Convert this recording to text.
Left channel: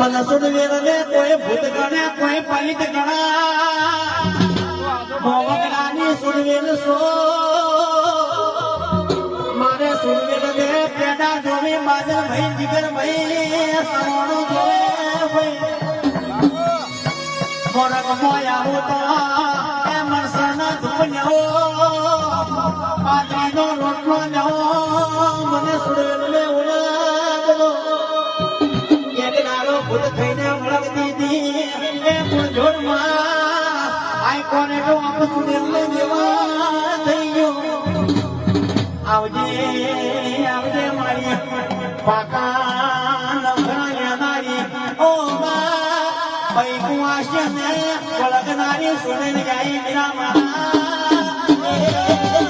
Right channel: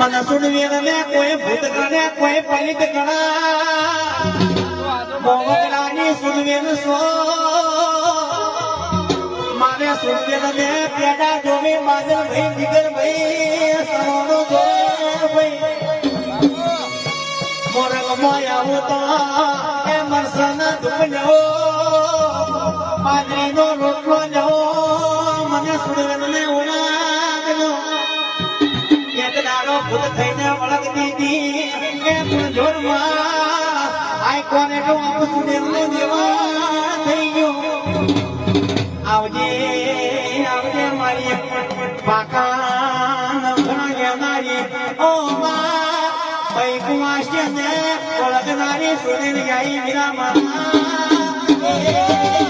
મને સુનવીર ને કોઈ ભૂત ગણે કોઈ પલિત ગણા મોગડાની સુનવીર સો મારે સુનવીર ને પેડા જોવે માદર ભાઈ જીગર ભાઈ સવાણો જોવે ભાઈ મોરક મોયા તો એ મરસન ધુપલ્યો પાણીનો રોટલો લ્યો મને સુનવીર ને ઉલાગલો ભૂત થઈને વળગ દીધી એ જોરમાં આઈ કોને તો આપ સુનેરને દેવા થઈ ગયો આવજે આવજે મારી પાકા નવરાયા નારી ઓ મા ભાઈ કુવાશે ને વળગનારી સુનેર ગાઈ મીરા મા